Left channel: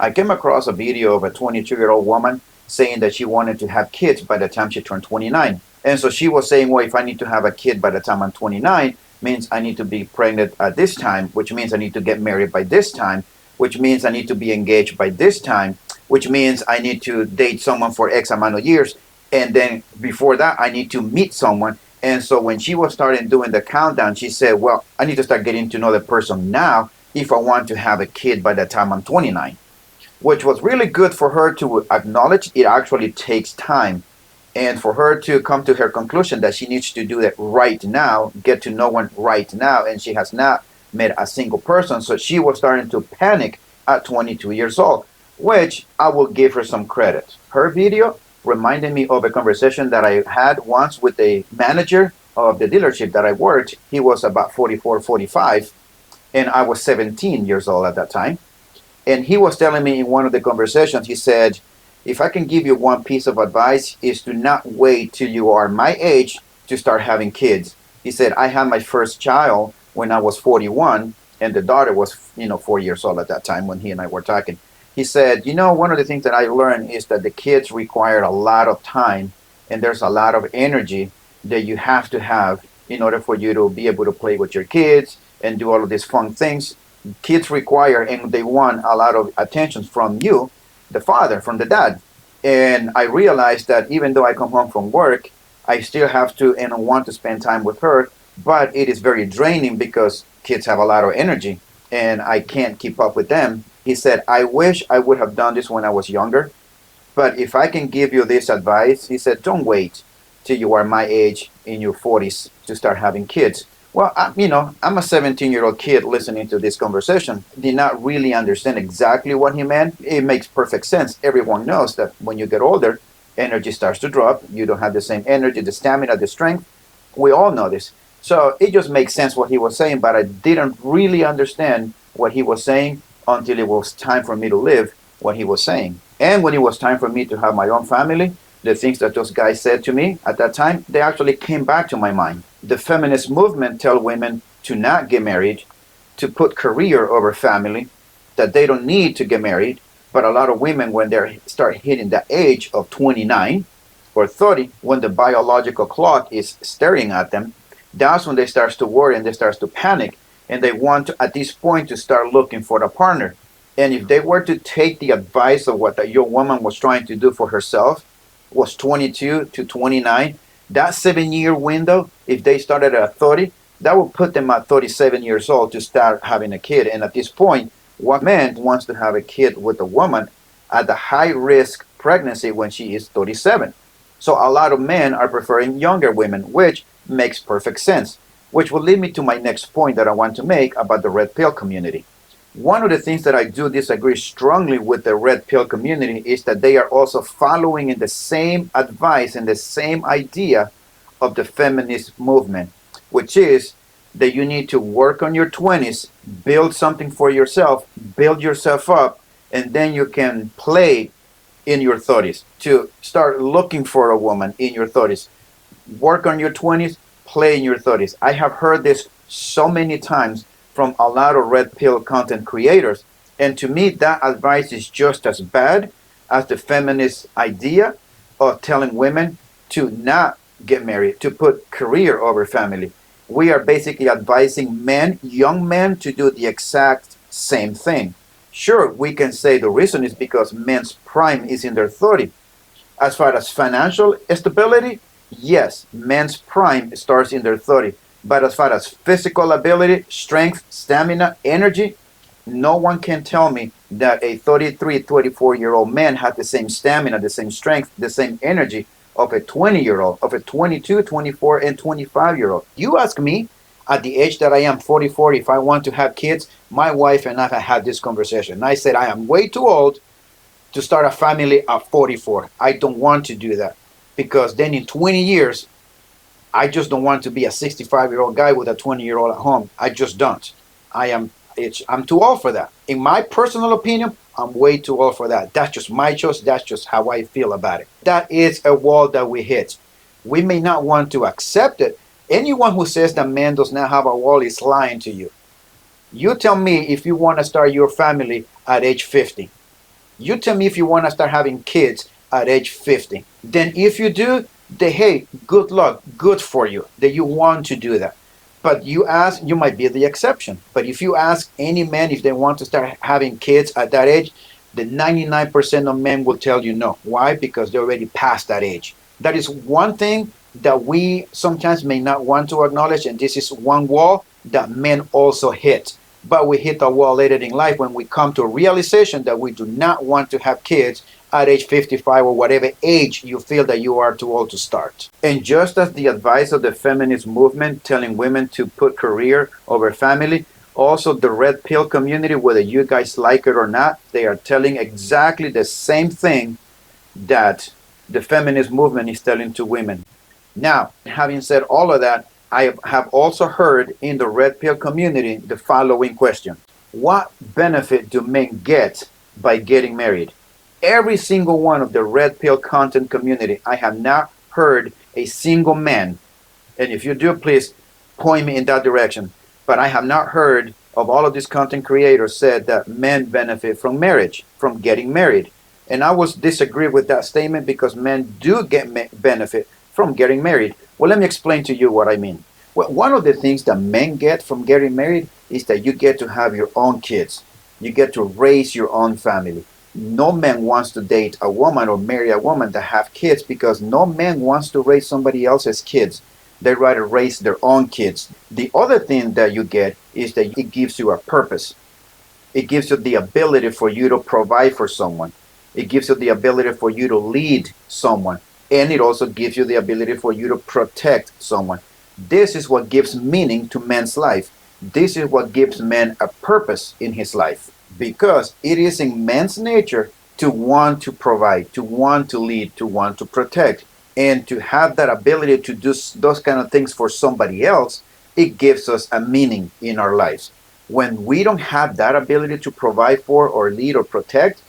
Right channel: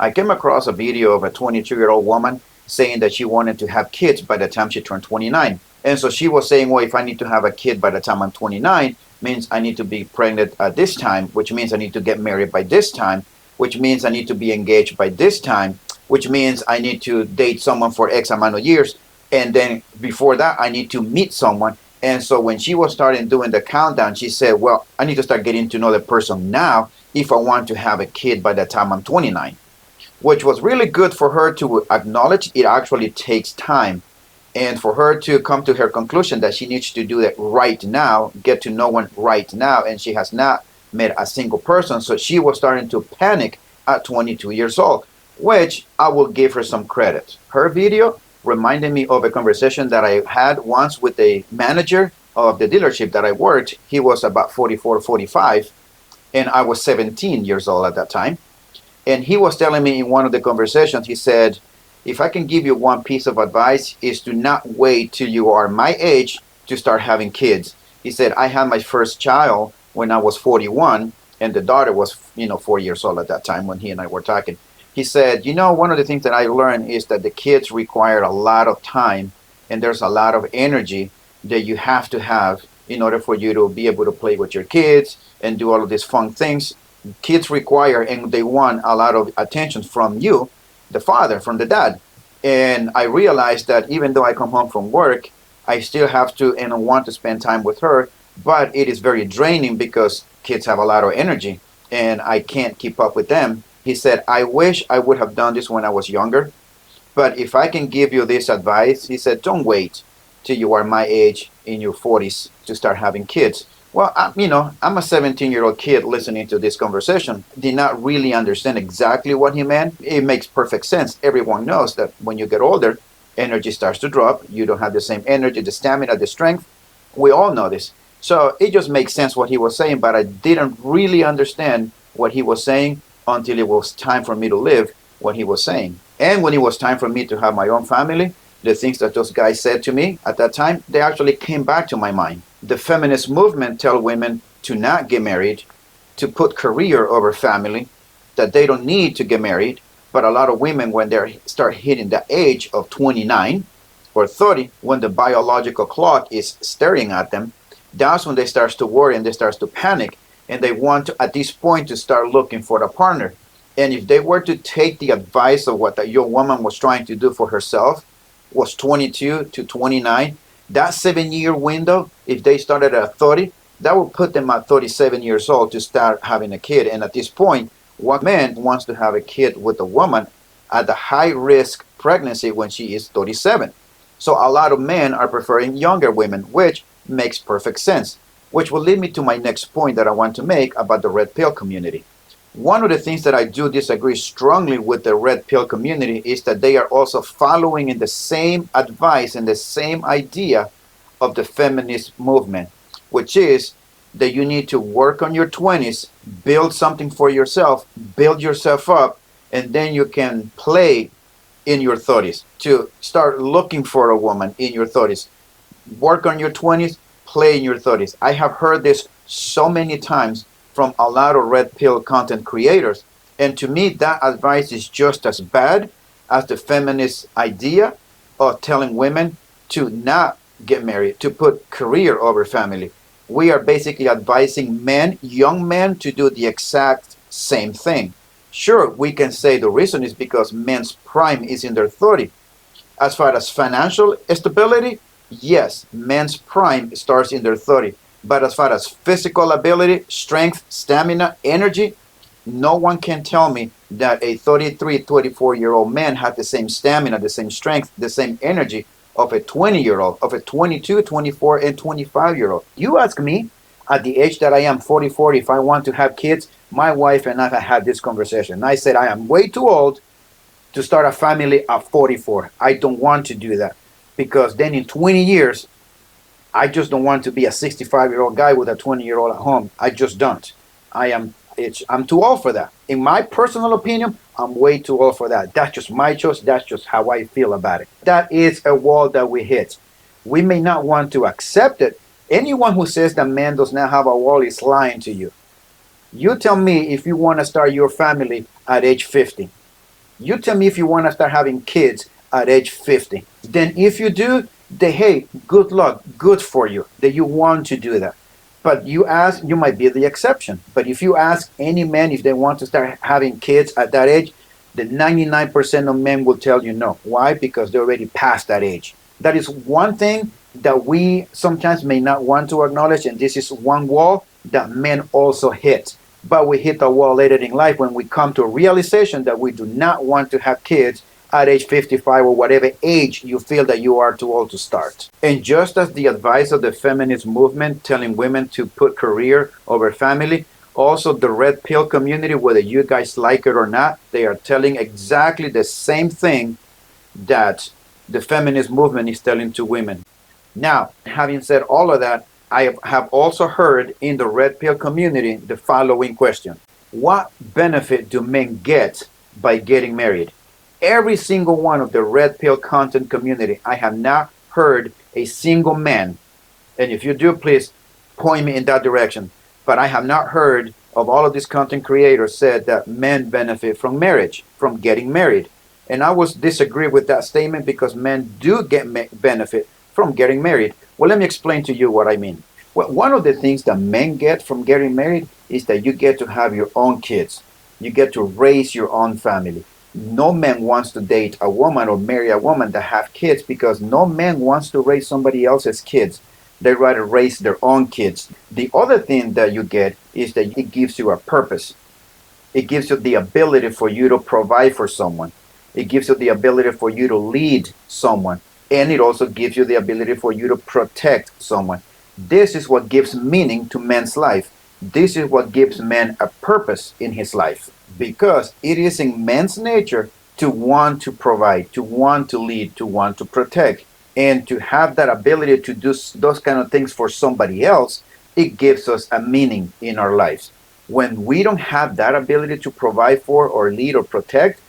I came across a video of a 22-year-old woman saying that she wanted to have kids by the time she turned 29. And so she was saying, well, if I need to have a kid by the time I'm 29, means I need to be pregnant at this time, which means I need to get married by this time, which means I need to be engaged by this time, which means I need to date someone for X amount of years. And then before that, I need to meet someone. And so when she was starting doing the countdown, she said, well, I need to start getting to know the person now if I want to have a kid by the time I'm 29, which was really good for her to acknowledge it actually takes time, and for her to come to her conclusion that she needs to do it right now, get to know one right now, and she has not met a single person. So she was starting to panic at 22 years old, which I will give her some credit. Her video reminded me of a conversation that I had once with a manager of the dealership that I worked. He was about 44, 45, and I was 17 years old at that time. And he was telling me in one of the conversations, he said, if I can give you one piece of advice, is to not wait till you are my age to start having kids. He said, I had my first child when I was 41, and the daughter was, 4 years old at that time when he and I were talking. He said, one of the things that I learned is that the kids require a lot of time, and there's a lot of energy that you have to have in order for you to be able to play with your kids and do all of these fun things. Kids require and they want a lot of attention from you, the father, from the dad. And I realized that even though I come home from work, I still have to and want to spend time with her, but it is very draining because kids have a lot of energy and I can't keep up with them. He said, I wish I would have done this when I was younger, but if I can give you this advice, he said, don't wait till you are my age in your 40s to start having kids. Well, I'm a 17-year-old kid listening to this conversation. Did not really understand exactly what he meant. It makes perfect sense. Everyone knows that when you get older, energy starts to drop. You don't have the same energy, the stamina, the strength. We all know this. So it just makes sense what he was saying, but I didn't really understand what he was saying until it was time for me to live what he was saying. And when it was time for me to have my own family, the things that those guys said to me at that time, they actually came back to my mind. The feminist movement tell women to not get married, to put career over family, that they don't need to get married. But a lot of women, when they start hitting the age of 29 or 30, when the biological clock is staring at them, that's when they start to worry and they start to panic. And they want to, at this point, to start looking for a partner. And if they were to take the advice of what that young woman was trying to do for herself, was 22 to 29, that 7-year window, if they started at 30, that will put them at 37 years old to start having a kid. And at this point, one man wants to have a kid with a woman at the high risk pregnancy when she is 37. So a lot of men are preferring younger women, which makes perfect sense, which will lead me to my next point that I want to make about the red pill community. One of the things that I do disagree strongly with the red pill community is that they are also following in the same advice and the same idea of the feminist movement, which is that you need to work on your 20s, build something for yourself, build yourself up, and then you can play in your 30s, to start looking for a woman in your 30s. Work on your 20s, play in your 30s. I have heard this so many times from a lot of red pill content creators. And to me, that advice is just as bad as the feminist idea of telling women to not get married, to put career over family. We are basically advising men, young men, to do the exact same thing. Sure, we can say the reason is because men's prime is in their 30s. As far as financial stability, yes, men's prime starts in their 30s. But as far as physical ability, strength, stamina, energy, no one can tell me that a 33, 24-year-old man had the same stamina, the same strength, the same energy of a 20-year-old, of a 22, 24, and 25-year-old. You ask me, at the age that I am, 44, if I want to have kids, my wife and I have had this conversation. I said I am way too old to start a family at 44. I don't want to do that because then in 20 years, I just don't want to be a 65-year-old guy with a 20-year-old at home. I just don't. I'm too old for that. In my personal opinion, I'm way too old for that. That's just my choice. That's just how I feel about it. That is a wall that we hit. We may not want to accept it. Anyone who says that man does not have a wall is lying to you. You tell me if you want to start your family at age 50. You tell me if you want to start having kids at age 50. Then if you do, then hey, good luck, good for you that you want to do that. But you ask, you might be the exception. But if you ask any man if they want to start having kids at that age, the 99% of men will tell you no. Why? Because they're already past that age. That is one thing that we sometimes may not want to acknowledge, and this is one wall that men also hit. But we hit a wall later in life when we come to a realization that we do not want to have kids at age 55 or whatever age you feel that you are too old to start. And just as the advice of the feminist movement telling women to put career over family, also the red pill community, whether you guys like it or not, they are telling exactly the same thing that the feminist movement is telling to women. Now, having said all of that, I have also heard in the red pill community the following question: what benefit do men get by getting married? Every single one of the red pill content community, I have not heard a single man, and if you do, please point me in that direction, but I have not heard of all of these content creators said that men benefit from marriage, from getting married. And I would disagree with that statement because men do get benefit from getting married. Well, let me explain to you what I mean. Well, one of the things that men get from getting married is that you get to have your own kids. You get to raise your own family. No man wants to date a woman or marry a woman that have kids because no man wants to raise somebody else's kids. They rather raise their own kids. The other thing that you get is that it gives you a purpose. It gives you the ability for you to provide for someone. It gives you the ability for you to lead someone. And it also gives you the ability for you to protect someone. This is what gives meaning to man's life. This is what gives man a purpose in his life. Because it is in man's nature to want to provide, to want to lead, to want to protect. And to have that ability to do those kind of things for somebody else, it gives us a meaning in our lives. When we don't have that ability to provide for or lead or protect,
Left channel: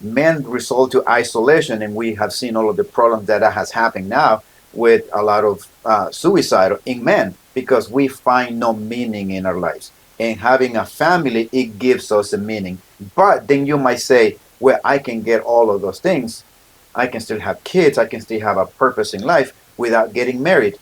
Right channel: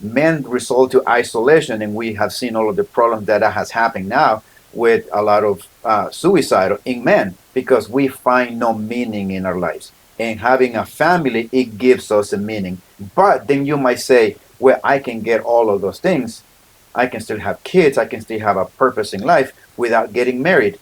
men resort to isolation, and we have seen all of the problems that has happened now with a lot of suicide in men because we find no meaning in our lives. And having a family, it gives us a meaning. But then you might say, well, I can get all of those things. I can still have kids. I can still have a purpose in life without getting married.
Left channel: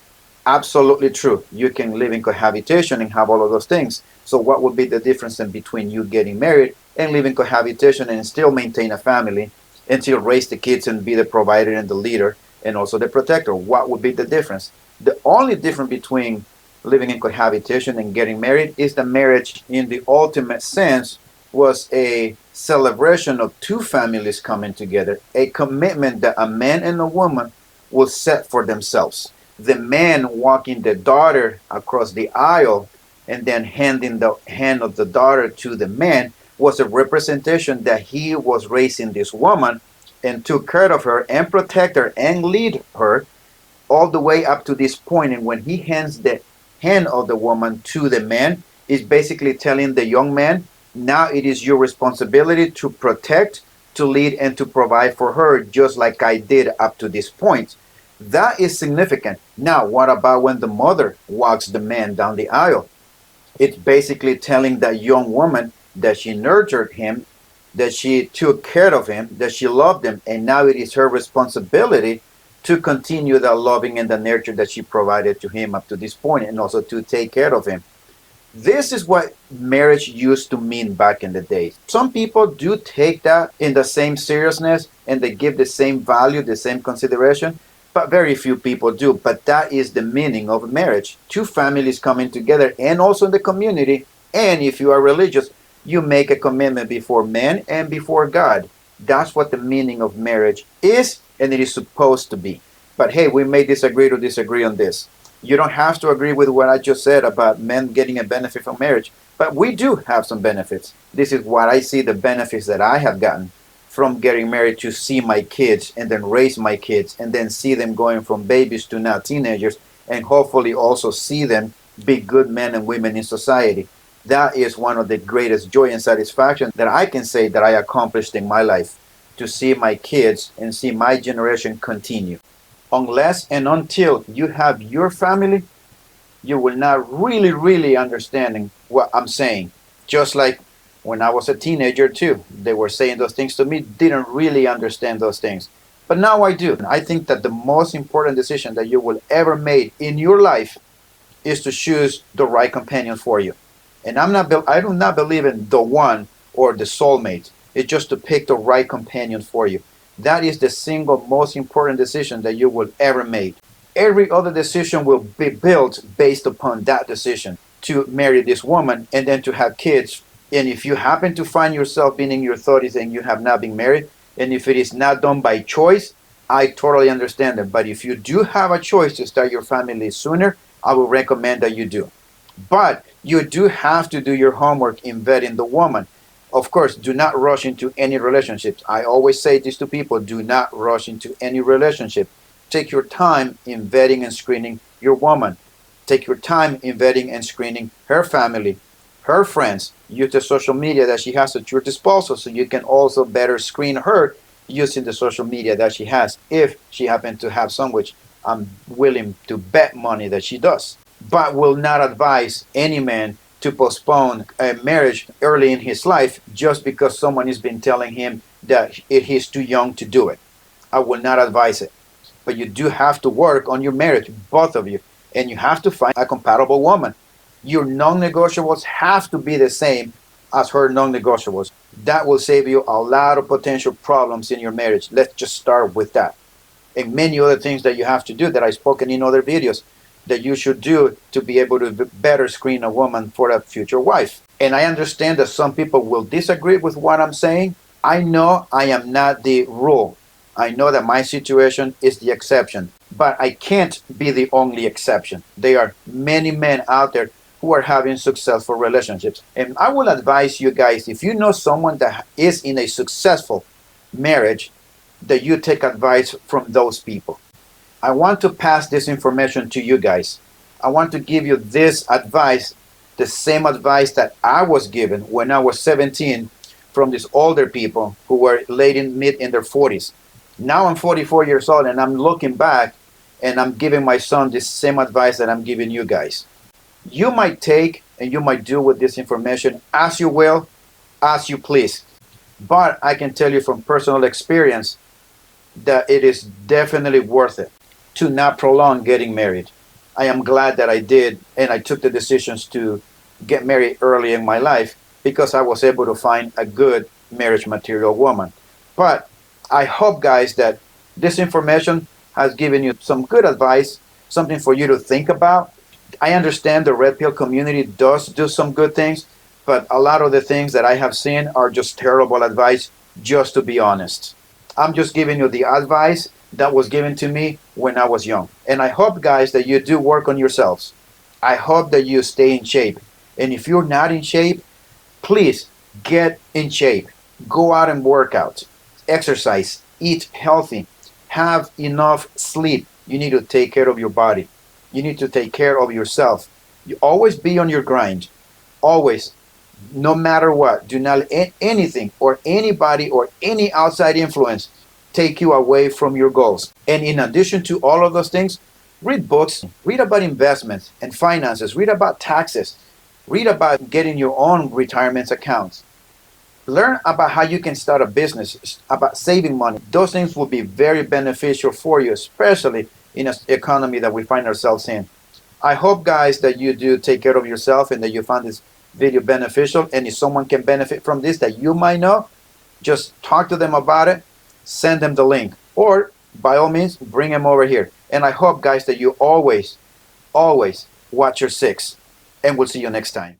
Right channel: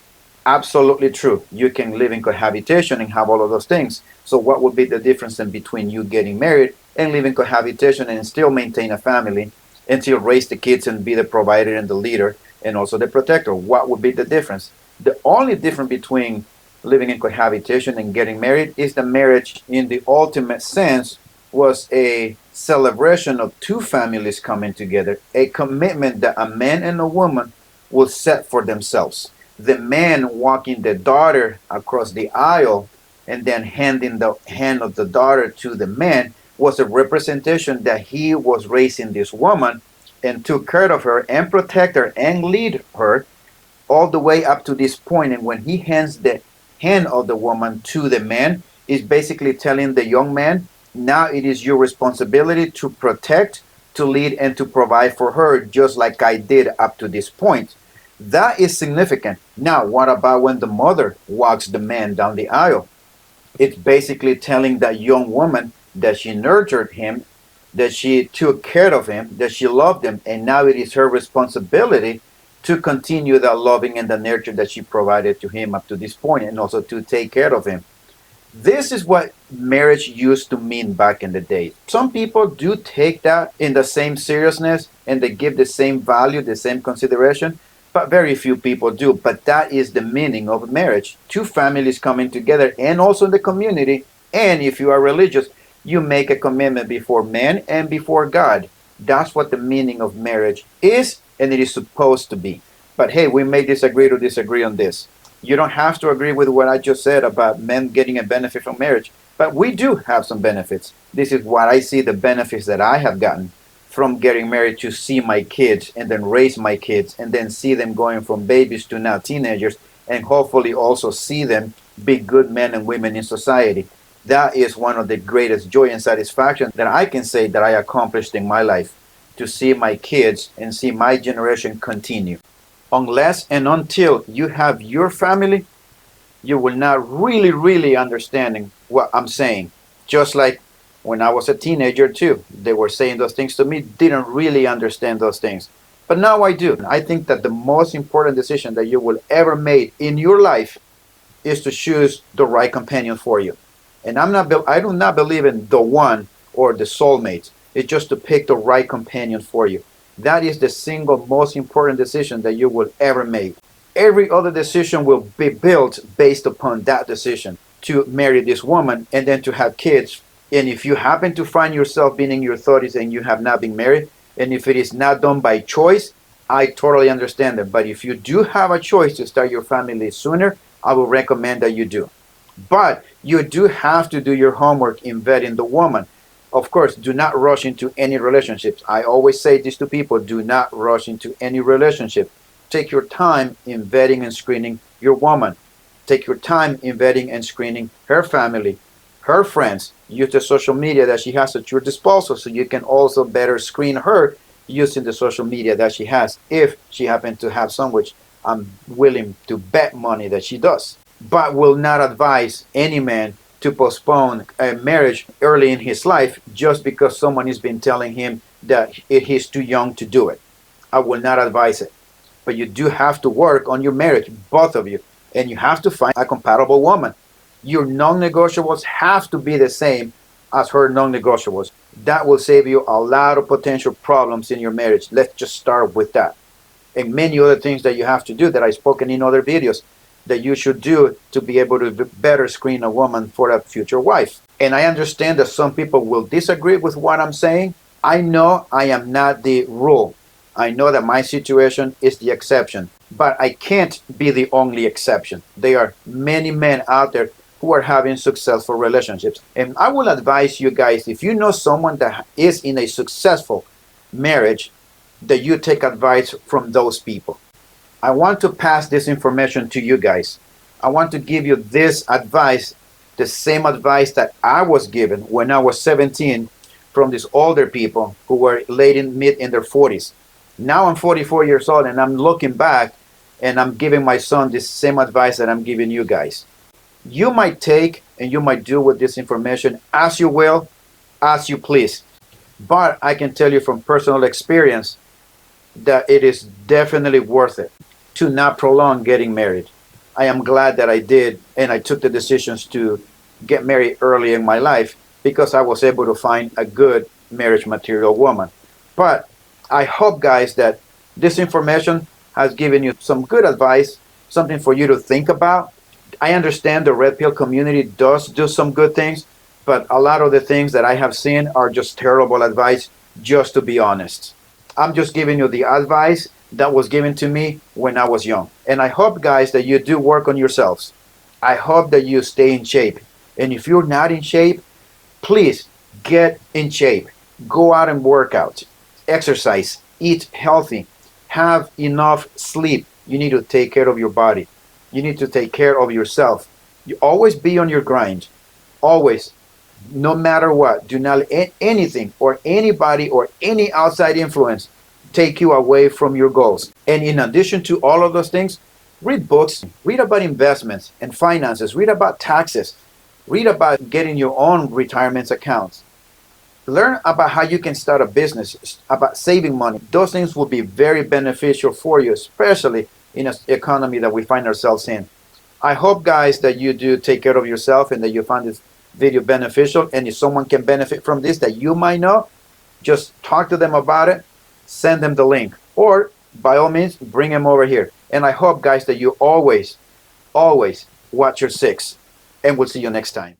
Absolutely true. You can live in cohabitation and have all of those things. So what would be the difference in between you getting married and living cohabitation and still maintain a family and still raise the kids and be the provider and the leader and also the protector? What would be the difference? The only difference between living in cohabitation and getting married is the marriage in the ultimate sense was a celebration of two families coming together, a commitment that a man and a woman will set for themselves. The man walking the daughter across the aisle and then handing the hand of the daughter to the man was a representation that he was raising this woman and took care of her and protect her and lead her all the way up to this point. And when he hands the hand of the woman to the man, is basically telling the young man, now it is your responsibility to protect, to lead, and to provide for her, just like I did up to this point. That is significant. Now, what about when the mother walks the man down the aisle? It's basically telling that young woman that she nurtured him, that she took care of him, that she loved him, and now it is her responsibility to continue the loving and the nurture that she provided to him up to this point, and also to take care of him. This is what marriage used to mean back in the day. Some people do take that in the same seriousness and they give the same value, the same consideration, but very few people do. But that is the meaning of marriage. Two families coming together and also the community. And if you are religious, you make a commitment before man and before God. That's what the meaning of marriage is, and it is supposed to be. But hey, we may disagree to disagree on this. You don't have to agree with what I just said about men getting a benefit from marriage, but we do have some benefits. This is what I see the benefits that I have gotten from getting married, to see my kids and then raise my kids and then see them going from babies to now teenagers, and hopefully also see them be good men and women in society. That is one of the greatest joy and satisfaction that I can say that I accomplished in my life, to see my kids and see my generation continue. Unless and until you have your family, you will not really understanding what I'm saying. Just like When I was a teenager too, they were saying those things to me, didn't really understand those things. But now I do. I think that the most important decision that you will ever make in your life is to choose the right companion for you. And I do not believe in the one or the soulmate. It's just to pick the right companion for you. That is the single most important decision that you will ever make. Every other decision will be built based upon that decision to marry this woman and then to have kids. And if you happen to find yourself being in your 30s and you have not been married, and if it is not done by choice, I totally understand it. But if you do have a choice to start your family sooner, I will recommend that you do. But you do have to do your homework in vetting the woman. Of course, do not rush into any relationships. I always say this to people, do not rush into any relationship. Take your time in vetting and screening your woman. Take your time in vetting and screening her family, her friends. Use the social media that she has at your disposal so you can also better screen her using the social media that she has if she happens to have some, which I'm willing to bet money that she does. But will not advise any man to postpone a marriage early in his life just because someone has been telling him that he's too young to do it. I will not advise it. But you do have to work on your marriage, both of you, and you have to find a compatible woman. Your non-negotiables have to be the same as her non-negotiables. That will save you a lot of potential problems in your marriage. Let's just start with that. And many other things that you have to do that I've spoken in other videos that you should do to be able to better screen a woman for a future wife. And I understand that some people will disagree with what I'm saying. I know I am not the rule. I know that my situation is the exception, but I can't be the only exception. There are many men out there who are having successful relationships. And I will advise you guys, if you know someone that is in a successful marriage, that you take advice from those people. I want to pass this information to you guys. I want to give you this advice, the same advice that I was given when I was 17 from these older people who were mid in their 40s. Now I'm 44 years old and I'm looking back and I'm giving my son this same advice that I'm giving you guys. You might take and you might do with this information as you will, as you please. But I can tell you from personal experience that it is definitely worth it to not prolong getting married. I am glad that I did and I took the decisions to get married early in my life because I was able to find a good marriage material woman. But I hope, guys, that this information has given you some good advice, something for you to think about. I understand the red pill community does do some good things, but a lot of the things that I have seen are just terrible advice, just to be honest. I'm just giving you the advice that was given to me when I was young. And I hope, guys, that you do work on yourselves. I hope that you stay in shape. And if you're not in shape, please get in shape. Go out and work out. Exercise. Eat healthy. Have enough sleep. You need to take care of your body. You need to take care of yourself. You always be on your grind. Always. No matter what. Do not let anything or anybody or any outside influence take you away from your goals. And in addition to all of those things, read books, read about investments and finances, read about taxes, read about getting your own retirement accounts. Learn about how you can start a business, about saving money. Those things will be very beneficial for you, especially in an economy that we find ourselves in. I hope, guys, that you do take care of yourself and that you find this video beneficial. And if someone can benefit from this that you might know, just talk to them about it. Send them the link, or by all means, bring them over here. And I hope, guys, that you always watch your six. And we'll see you next time.